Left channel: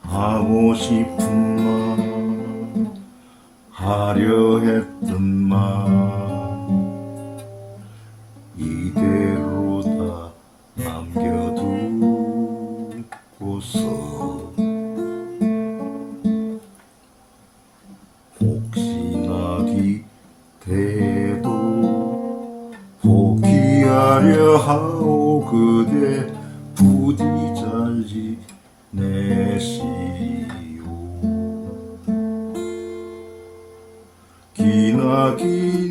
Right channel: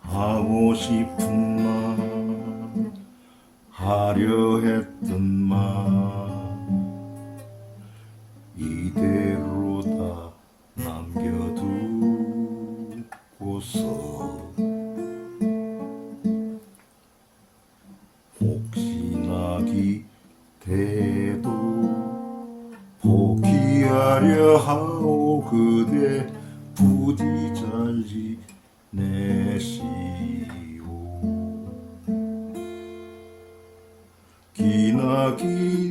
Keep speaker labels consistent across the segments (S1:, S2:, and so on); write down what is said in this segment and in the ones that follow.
S1: 하고 싶은 Kinakilig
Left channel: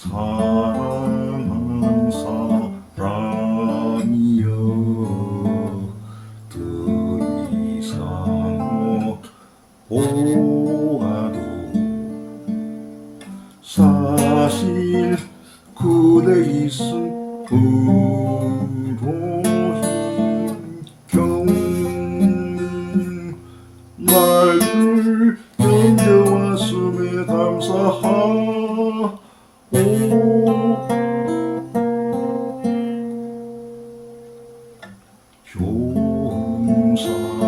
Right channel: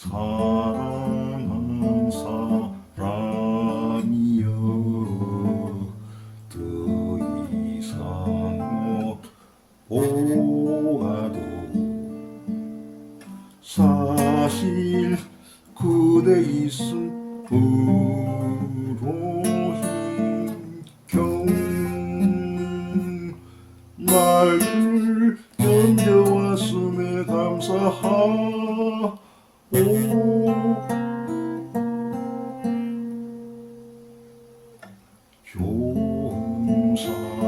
S1: 사랑하는 사람이여 더 이상 보아도 사실 그대 있음으로 힘겨운 말 穷山。